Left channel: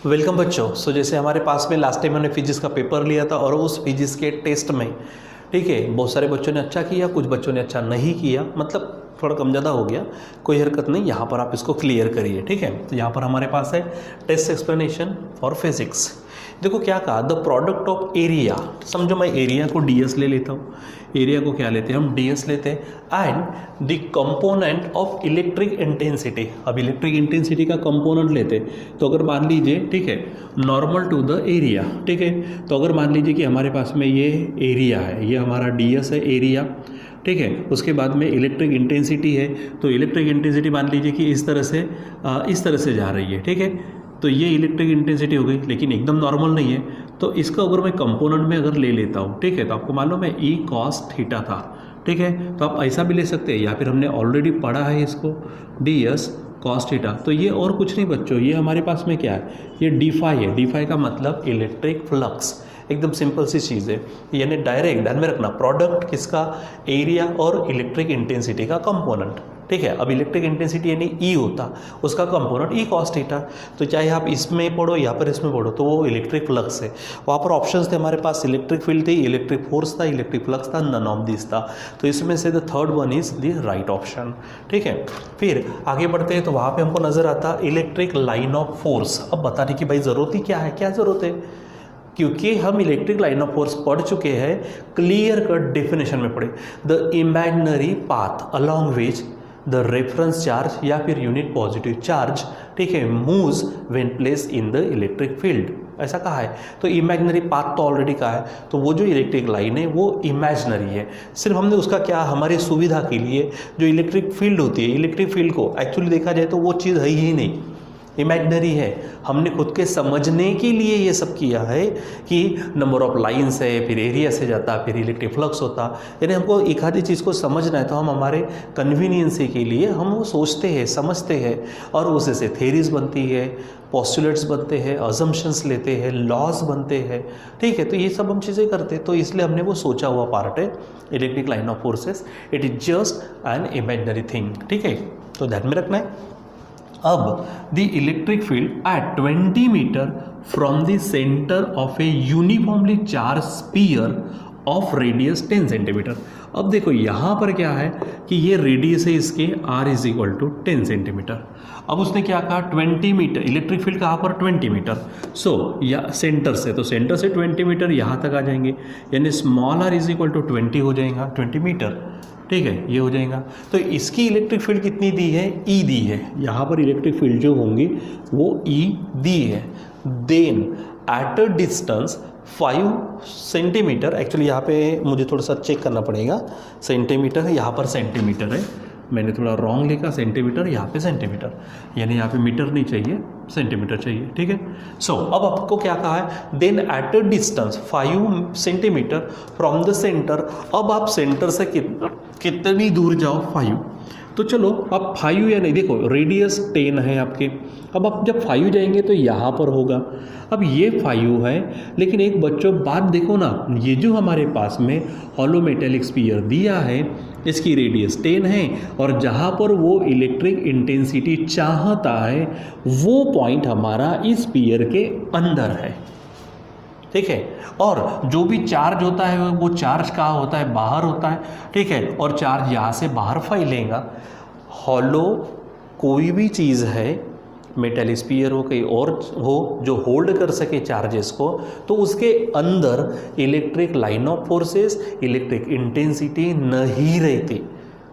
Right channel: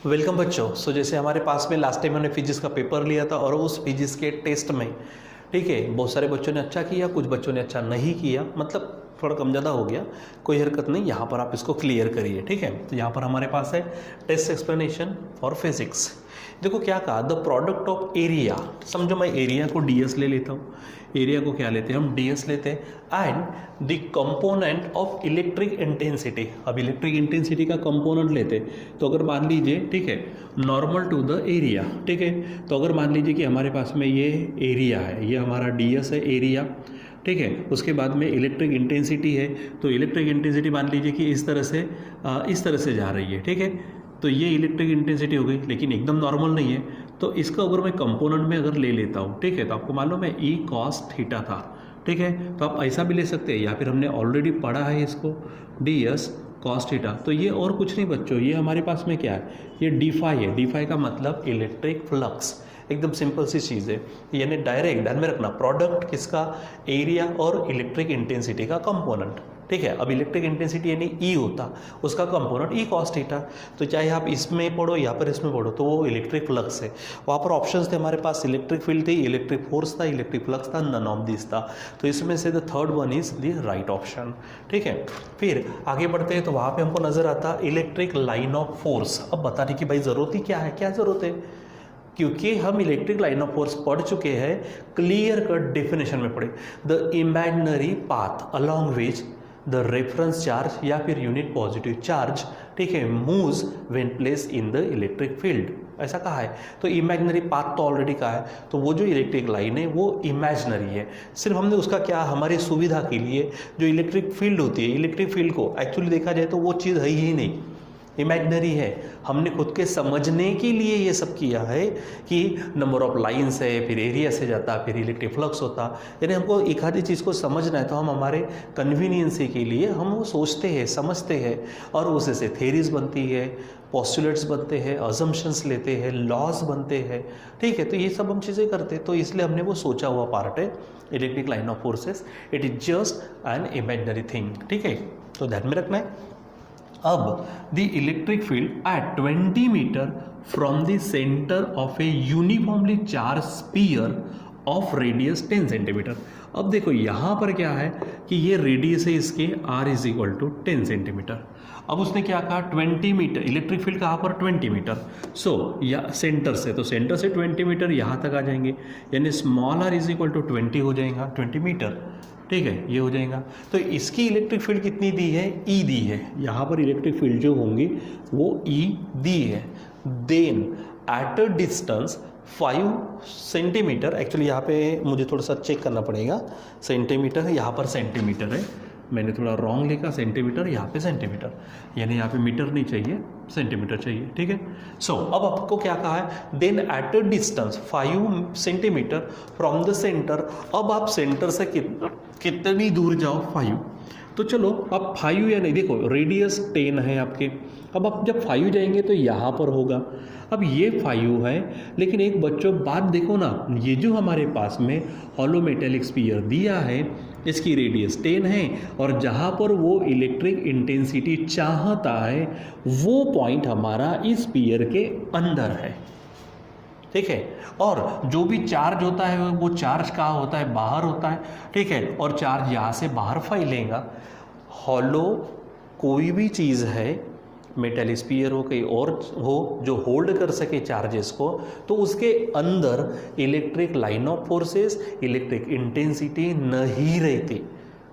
Welcome बच्चों। जैसे हमारे पास में लास्ट टाइम हमने फिजिक्स का पेपर लिया था और उस फिजिक्स के टेस्ट में ठीक है बहुत सारे बच्चों ने अच्छा किया, कुछ बच्चों ने अच्छा नहीं किया, मतलब थोड़ा कम ज़्यादा हो गया, कोई हरकत नहीं। यहाँ पर आप इसको क्लियर करिए, ठीक है। तो यहाँ पर हमारे पास है टेस्ट एक्सप्लेनेशन फॉर फिजिक्स। देखो क्या कहा, द प्रोडक्ट ऑफ एरिया, समझो मैं एरिया को ds ले लेता हूँ, एरिया को क्या लेते हैं हम ds लेते हैं, and the component of electric intensity. अब इलेक्ट्रिक इंटेंसिटी का कंपोनेंट लेते हैं, तो अगर मान लीजिए ठीक है नॉर्मल टू द एरिया, ठीक है। तो अगर मान लीजिए कि हमारे पास में ये एरिया है, ये हमारा ds है एरिया, ठीक है। उसके बाद में इलेक्ट्रिक इंटेंसिटी है, तो इलेक्ट्रिक इंटेंसिटी मान लीजिए कि इस तरह से जा रही है, ठीक है। तो ये इलेक्ट्रिक इंटेंसिटी हो गई, लेकिन एकदम नॉर्मल नहीं है। तो इसका अगर मैं कंपोनेंट में अगर ले लेता हूँ, ठीक है, तो आपको मालूम है E cos थीटा था, ठीक है। तो आप ऐसा भी ले सकते हैं, या फिर हमने ऑलरेडी पढ़ा है इसको ds cos थीटा। तो ये और कुछ नहीं बच्चों, ये हमारे पास में क्या है, ये d फाई है। d फाई का मतलब इलेक्ट्रिक फ्लक्स, एकदम सिंपल सी चीज़ है। यानी डायरेक्ट ध्यान में रखना, प्रोडक्ट किसका, एरिया और इलेक्ट्रिक इंटेंसिटी का कंपोनेंट, ठीक है। अब इलेक्ट्रिक इंटेंसिटी यानी E होता, उसका कंपोनेंट E cos थीटा। तो चाहे आप इसमें पढ़ो या पर इसमें पढ़ो, तो वो इलेक्ट्रिक फ्लक्स है। वहाँ पर ऑप्शंस थे हमारे पास, इलेक्ट्रिक फील्ड थी, इलेक्ट्रिक फोर्स था, इलेक्ट्रिक फ्लक्स था, नन ऑफ दिस था। तो इसमें से the third one is the right option, ठीक है। फिर आगे बढ़ते हैं तो वहाँ पर हमको नजर आता इलेक्ट्रिक लाइन ऑफ फोर्स। अब बताने की भाई ज़रूरत ही क्या है, क्या ज़रूरत है, क्योंकि हम इलेक्ट्रिक लाइन ऑफ फोर्स पढ़ चुके हैं, क्लियर कट डेफिनेशन में पढ़े, the imaginary path along which the reference charge या फिर यूनिट पॉजिटिव चार्ज, ठीक है, moves when place in the electric field, ऐसा कहा है। तो इमेजिनरी पाथ तो ऑलरेडी कहा है, तो वो जो इलेक्ट्रिक लाइन है वो इमेजिनरी है। सिर्फ हमने उसका क्या, हमारी सुविधा के लिए जो इलेक्ट्रिक फील्ड होती है, इलेक्ट्रिक फील्ड को एक्चुअली देखा जाए तो वो चीज़ है ही नहीं, इमेजिनरी है। हमने खुद के समझने के लिए ये सब किया है कि नंबर ऑफ लाइंस है, फिर एरिया से जाता, फिर इलेक्ट्रिक फ्लक्स होता। यानी हमको एक आधी चीज़ को समझना है तो हम हमारे कन्वीनियंस के लिए हम वो सोचते हैं, समझते हैं, और उससे से थेरीज बनती है, पोस्टुलेट्स बनते हैं, अजम्पशंस लेते हैं, लॉज बनते हैं, ठीक है। तो ये सब हम चीज़ें करते हैं, तो इसलिए हमने वो सोचा हुआ पार्ट है electric line of forces. It is just an imaginary thing, ठीक है। तो ध्यान में रखना है। अब the electric field at 20 metre from the centre of a uniformly charge sphere of radius 10 centimetre. अब देखो यहाँ पर क्या है कि ये रेडियस है इसके, r is equal to 10 centimetre. अब उसने क्या कहा, 20 मीटर, इलेक्ट्रिक फील्ड कहाँ पर, 20 मीटर। सो या सेंटर से, तो सेंटर से 20 मीटर यहाँ तक आ जाएंगे, यानी small r is equal to 20 हो जाएगा, 20 मीटर, ठीक है, ये हो जाएगा। तो इसकी इलेक्ट्रिक फील्ड कितनी दी है, E दी है। यहाँ पर इलेक्ट्रिक फील्ड जो होंगी वो E दी है। Then at a distance 5 centimetre, actually यहाँ पे मुझे थोड़ा सा चेक करना पड़ेगा, सेंटीमीटर है, यहाँ पर सेंटीमीटर है, मैंने थोड़ा रॉन्ग लिखा, सेंटीमीटर, यहाँ पे सेंटीमीटर, यानी यहाँ पे मीटर नहीं चाहिए, सेंटीमीटर चाहिए, ठीक है। सो अब आपको क्या कहा है, then at a distance 5 centimetre from the centre. अब आप सेंटर से कितनी दूर जाओ, 5। तो चलो अब 5 या नहीं, देखो रेडियस 10 है आपके, अब आप जब 5 जाएंगे तो यहाँ पर होगा। अब ये 5 है, लेकिन एक बच्चों बात देखो ना, ये जो हमारे पास में हॉलो मेटेलिक स्फीयर दिया है, इसकी रेडियस 10 है, और जहाँ पर वो इलेक्ट्रिक इंटेंसिटी चाहता है वो पॉइंट हमारा इस स्फीयर के अंदर है, ठीक है। और जो भी चार्ज होता है वो चार्ज कहाँ होता है, बाहर होता है, ठीक है। और चार्ज यहाँ से बाहर फैलेगा। हॉलो कोई भी चीज़ है, मेटल स्फीयर हो, कहीं और हो, जो होल्ड कर सके चार्जेस को, तो उसके अंदर electric line of forces, electric intensity नहीं रहती,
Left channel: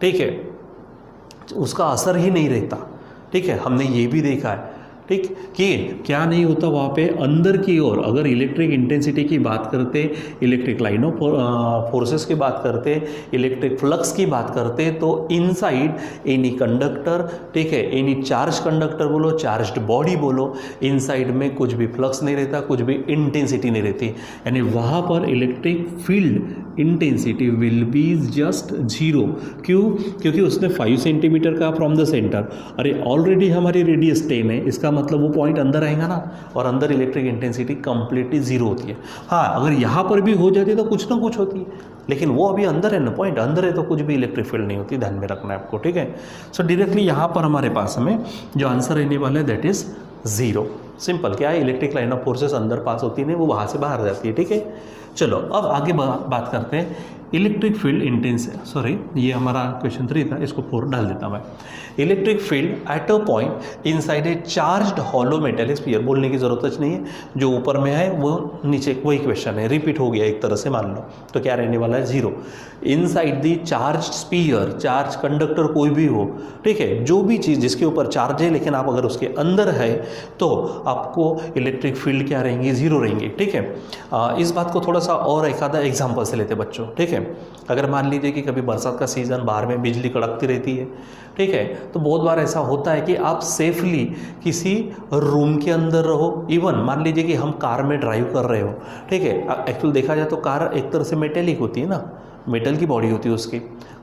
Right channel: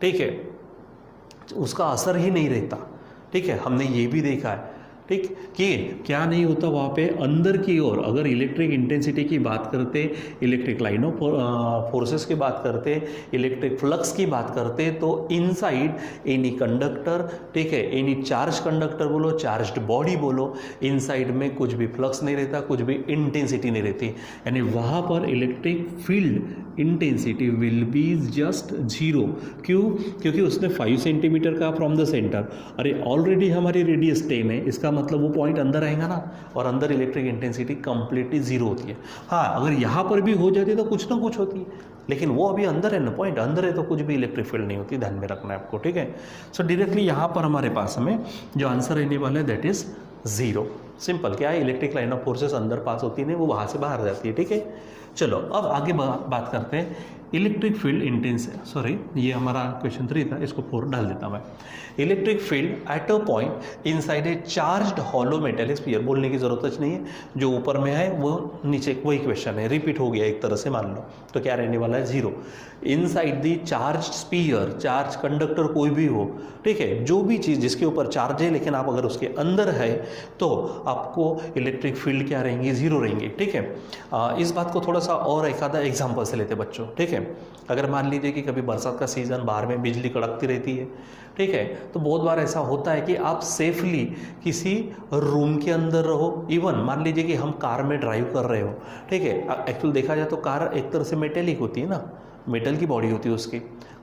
ठीक है, उसका असर ही नहीं रहता, ठीक है। हमने ये भी देखा है, ठीक, कि क्या नहीं होता वहाँ पे अंदर की ओर, अगर इलेक्ट्रिक इंटेंसिटी की बात करते, इलेक्ट्रिक लाइन ऑफ फोर्सेस की बात करते, इलेक्ट्रिक फ्लक्स की बात करते, तो इनसाइड एनी कंडक्टर, ठीक है, एनी चार्ज कंडक्टर बोलो, चार्ज्ड बॉडी बोलो, इनसाइड में कुछ भी फ्लक्स नहीं रहता, कुछ भी इंटेंसिटी नहीं रहती, यानी वहाँ पर electric field intensity will be just 0। क्यों, क्योंकि उसने 5 सेंटीमीटर का फ्रॉम द सेंटर, अरे ऑलरेडी हमारी रेडियस 10 है, इसका मतलब वो पॉइंट अंदर आएगा ना, और अंदर इलेक्ट्रिक इंटेंसिटी कंप्लीटली 0 होती है। हाँ, अगर यहाँ पर भी हो जाती है तो कुछ ना कुछ होती है, लेकिन वो अभी अंदर है ना, पॉइंट अंदर है, तो कुछ भी इलेक्ट्रिक फील्ड नहीं होती, ध्यान में रखना है आपको, ठीक है। सो डायरेक्टली यहाँ पर हमारे पास में जो आंसर रहने वाला है दैट इज 0। सिंपल, क्या है, इलेक्ट्रिक लाइन ऑफ फोर्सेस अंदर पास होती नहीं, वो वहाँ से बाहर जाती है। ठीक है, चलो अब आगे बात करते हैं इलेक्ट्रिक फील्ड सॉरी ये हमारा क्वेश्चन 3 था, इसको 4 डाल देता मैं। Electric field at a point inside a charged hollow metallic sphere, बोलने की जरूरत नहीं है, जो ऊपर में है वो नीचे, वही क्वेश्चन है, रिपीट हो गया एक तरह से, मान लो तो क्या रहने वाला है 0। Inside the charge sphere, charge conductor कोई भी हो, ठीक है, जो भी चीज़ जिसके ऊपर चार्ज है लेकिन आप अगर उसके अंदर है तो आपको इलेक्ट्रिक फील्ड क्या रहेंगी, 0 रहेंगी। ठीक है, इस बात को थोड़ा सा और एक आधा एग्जाम्पल से लेते बच्चों। ठीक है, अगर मान लीजिए कि कभी बरसात का सीज़न, बाहर में बिजली कड़कती रहती है, ठीक है, तो बहुत बार ऐसा होता है कि आप सेफली किसी रूम के अंदर रहो, इवन मान लीजिए कि हम कार में ड्राइव कर रहे हो, ठीक है, एक्चुअल देखा जाए तो कार एक तरह से मेटेलिक होती है ना, मेटल की बॉडी होती है उसकी,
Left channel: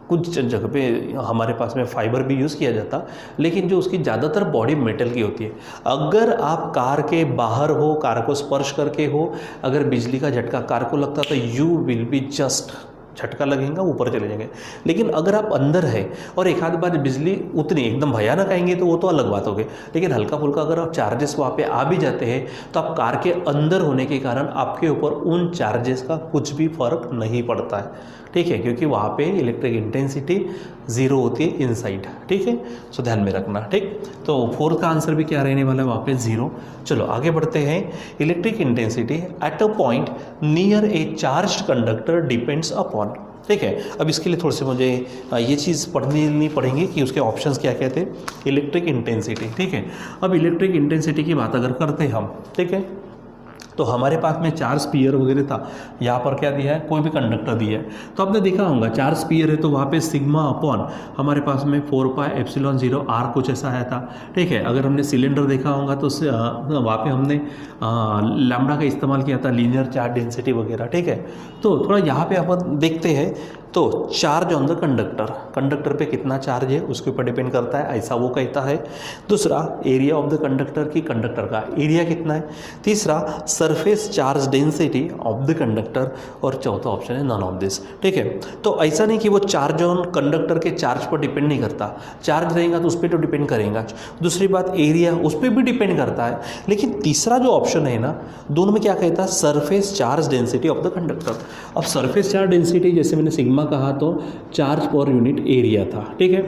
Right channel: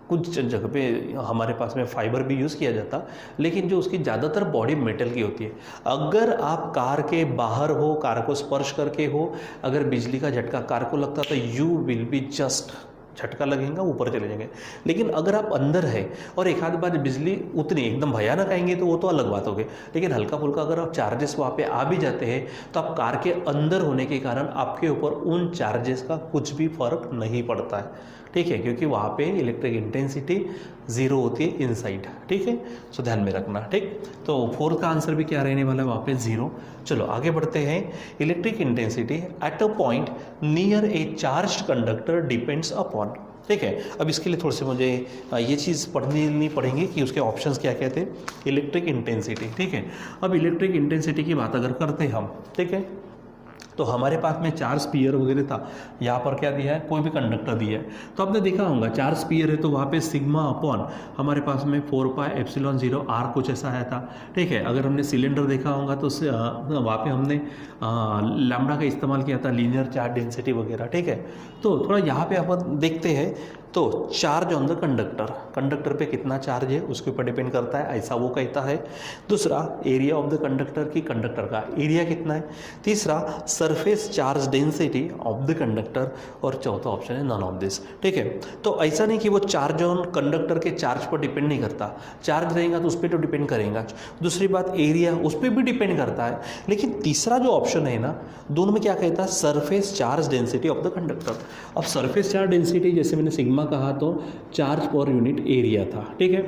कुछ जगह पे हमारे पास में फाइबर भी यूज़ किया जाता, लेकिन जो उसकी ज़्यादातर बॉडी मेटल की होती है। अगर आप कार के बाहर हो, कार को स्पर्श करके हो, अगर बिजली का झटका कार को लगता तो यू विल बी जस्ट, झटका लगेगा ऊपर चले जाएंगे। लेकिन अगर आप अंदर है और एक आध बार बिजली उतनी एकदम भयानक आएंगे तो वो तो अलग बात हो गई, लेकिन हल्का फुल्का अगर आप चार्जेस वहाँ पे आ भी जाते हैं तो आप कार के अंदर होने के कारण आपके ऊपर उन चार्जेस का कुछ भी फर्क नहीं पड़ता है। ठीक है, क्योंकि वहाँ पे इलेक्ट्रिक इंटेंसिटी 0 होती है इनसाइड। ठीक है, सो ध्यान में रखना। ठीक, तो 4 का आंसर भी क्या रहने वाला है, वहाँ पे 0। चलो आगे बढ़ते हैं। Electric intensity at a point near A charged conductor depends upon. ठीक है, अब इसके लिए थोड़े से मुझे ये चीज़ पढ़नी पड़ेंगी कि उसके ऑप्शंस क्या कहते हैं। इलेक्ट्रिक इंटेंसिटी, ठीक है, अब इलेक्ट्रिक इंटेंसिटी की बात अगर करते हैं हम, ठीक है, तो हमारे पास में 4 स्पीयर वगैरह था, यहाँ पर क्या दिया है, कोई भी कंडक्टर दिया है, तो आपने देखा होगा 4 स्पीयर है तो वहाँ पे सिग्मा अपॉन हमारे पास में 4πε0 r कुछ ऐसा आया था। ठीक है, अगर हमने सिलेंडर देखा होगा तो वहाँ पे हमने लैम्बडा का इस्तेमाल किया था, लीनियर चार्ज डेंसिटी वगैरह। ठीक है, तो थोड़ा यहाँ पे अपन देखते हैं, तो charge on the conductor, conductor पे कितना चार्ज है उसके ऊपर डिपेंड करता है, ऐसा वो कहता है। दूसरा, एरिया ऑफ द कंडक्टर की कंडक्टर का एरिया कितना है। तीसरा, surface charge density of the conductor, और चौथा ऑप्शन है नन ऑफ दिस। ठीक है, तो ऐसा नहीं कि वो चार्ज ऑन कंडक्टर के चार्ज पर डिपेंड नहीं करता, चार्ज रहेगा तो उस पर तो डिपेंड करेगा। दूसरी बात, एरिया उस पर भी डिपेंड करता है, लेकिन तीसरा जो ऑप्शन है ना, दोनों में क्या कहता है, surface charge density of the conductor. अब सरफेस चार्ज डेंसिटी जैसे मैंने सिग्मा कहा तो चार्ज पर यूनिट एरिया था। ठीक है,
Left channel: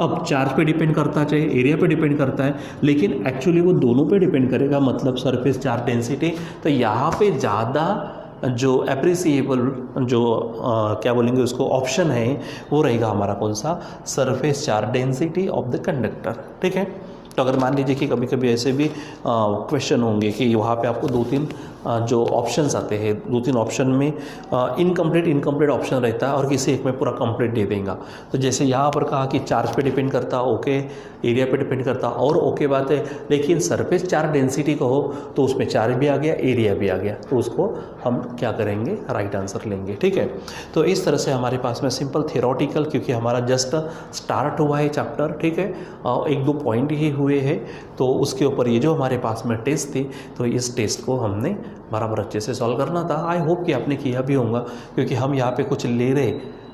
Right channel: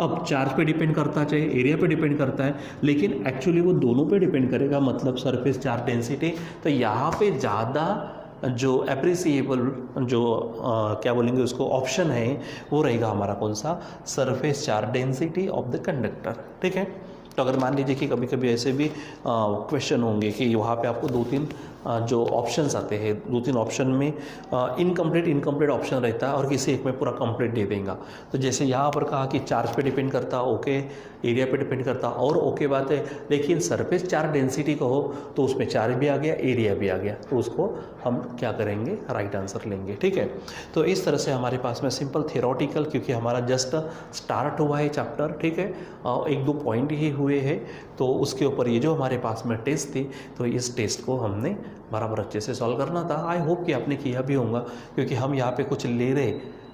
अब चार्ज पे डिपेंड करता है, चाहे एरिया पे डिपेंड करता है, लेकिन एक्चुअली वो दोनों पे डिपेंड करेगा, मतलब सरफेस चार्ज डेंसिटी। तो यहाँ पे ज़्यादा जो अप्रिसिएबल जो क्या बोलेंगे उसको ऑप्शन है वो रहेगा हमारा कौन सा, surface charge density of the conductor. ठीक है, तो अगर मान लीजिए कि कभी कभी ऐसे भी क्वेश्चन होंगे कि वहाँ पे आपको 2-3 जो ऑप्शंस आते हैं, 2-3 ऑप्शन में इनकम्प्लीट ऑप्शन रहता है और किसी एक में पूरा कंप्लीट दे देगा। तो जैसे यहाँ पर कहा कि चार्ज पे डिपेंड करता, ओके, एरिया पे डिपेंड करता, और ओके बात है, लेकिन सरफेस चार्ज डेंसिटी कहो तो उसमें चार्ज भी आ गया, एरिया भी आ गया, तो उसको हम क्या करेंगे, राइट आंसर लेंगे। ठीक है, तो इस तरह से हमारे पास में सिंपल थियोरटिकल, क्योंकि हमारा जस्ट स्टार्ट हुआ है चैप्टर, ठीक है, 1-2 पॉइंट ही हुए हैं, तो उसके ऊपर ये जो हमारे पास में टेस्ट थी, तो इस टेस्ट को हमने बराबर अच्छे से सॉल्व करना था। आई होप कि आपने किया भी होगा, क्योंकि हम यहाँ पे कुछ ले रहे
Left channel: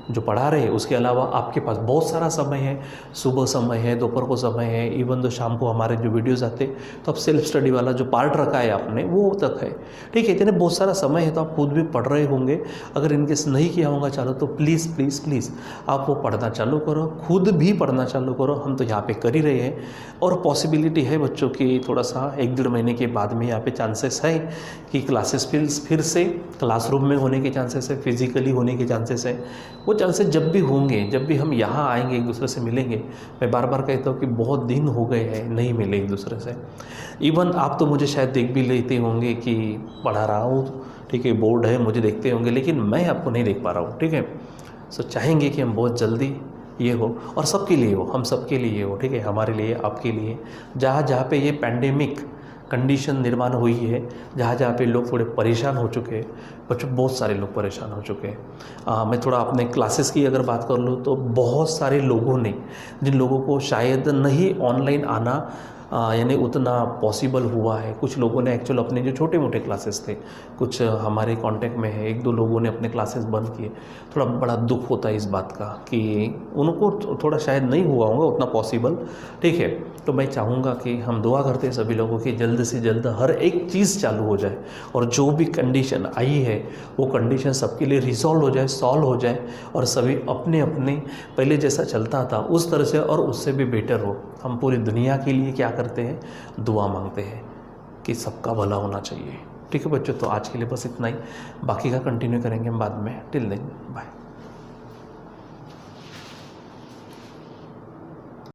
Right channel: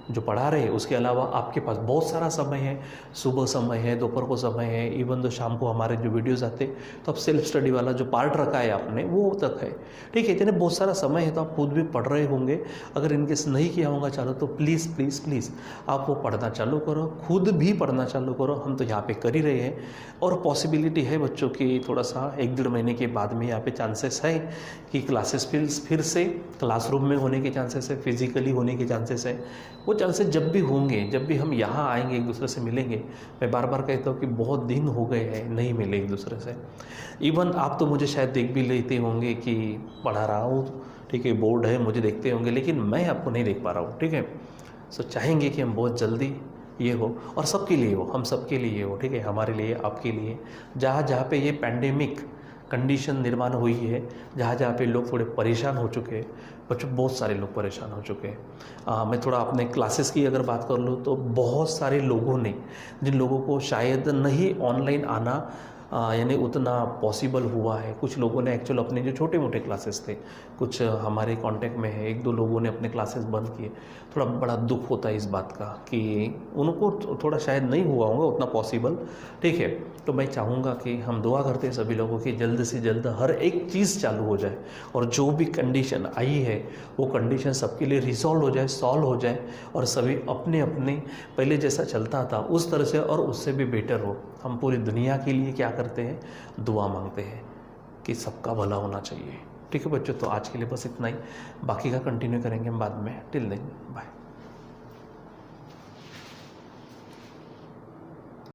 जो पढ़ा रहे, उसके अलावा आपके पास बहुत सारा समय है, सुबह समय है, दोपहर को समय है, इवन तो शाम को हमारे जो वीडियोस आते, तो अब सेल्फ स्टडी वाला जो पार्ट रखा है आपने वो तक है। ठीक है, इतने बहुत सारा समय है तो आप खुद भी पढ़ रहे होंगे। अगर इनकेस नहीं किया होगा चालू तो प्लीज़ प्लीज़ प्लीज़ आप वो पढ़ना चालू करो, खुद भी पढ़ना चालू करो। हम तो यहाँ पे कर ही रहे हैं, और पॉसिबिलिटी है बच्चों की थोड़ा सा 1-1.5 महीने के बाद में यहाँ पे चांसेस है कि क्लासेस फिर से क्लासरूम में होने के चांसेस है, फिजिकली होने के चांसेस है। वो चांसेस जब भी होंगे, जब भी हम यहाँ आएंगे, एक दूसरे से मिलेंगे। मैं बार बार कहता हूँ कि बहुत दिन हो गए हैं नहीं मिले एक दूसरे से। इवन आप तो मुझे शायद देख भी लेते होंगे कि पढ़ा रहा हूँ, ठीक है, बोर्ड है, मुझे देखते होंगे, लेकिन मैं आपको नहीं देख पा रहा हूँ। ठीक है, सो चाहेंगे कि हम बहुत जल्दी ये हो, और सबके लिए हो, हम सबके लिए हो। ठीक है, हमारे लिए, आपके लिए, जहाँ जहाँ पे ये पैंडेमिक कंडीशन निर्माण हुई है, जहाँ जहाँ पे लोग थोड़े परेशान हो चुके हैं, बच्चों बहुत सारे लोग परेशान हो चुके हैं। मैं थोड़ा अपने क्लासेस की अगर बात कर लूँ तो बहुत सारे लोगों ने, जिन लोगों को शायद नहीं ऑनलाइन आना यानी उतना पॉसिबल हुआ है। कुछ लोगों ने एक्चुअल अपने जो छोटे मोटे क्लासेस थे, कुछ हमारे कांटेक्ट में है, 1-2 लोगों ने अपने क्लासेस बंद किए। थोड़ा बड़ा दुख होता है इस बात का कि उनको थोड़ा शायद नहीं हुआ होगा उतना पॉसिबल, ठीक है। तो मैं चाहूँगा कि हम दुआ करते हैं सभी लोगों की जल्द से जल्द हर एक चीज़ चालू हो जाए, और जो भी कंडीशन आई है वो कंडीशन सबके लिए रिजॉल्व हो जाए, सॉल्व हो जाए, और सभी अपने अपने पहले जैसा चलता था उस तरह से और उससे भी बेटर हो। हम पूरी दुनिया के लिए क्या करते हैं, दुआ मांगते हैं कि सबका भला होना चाहिए। ठीक है बच्चों, तो आज के लिए बस इतना ही, बाकी का कंटिन्यू करेंगे हम बाद में। Till then bye.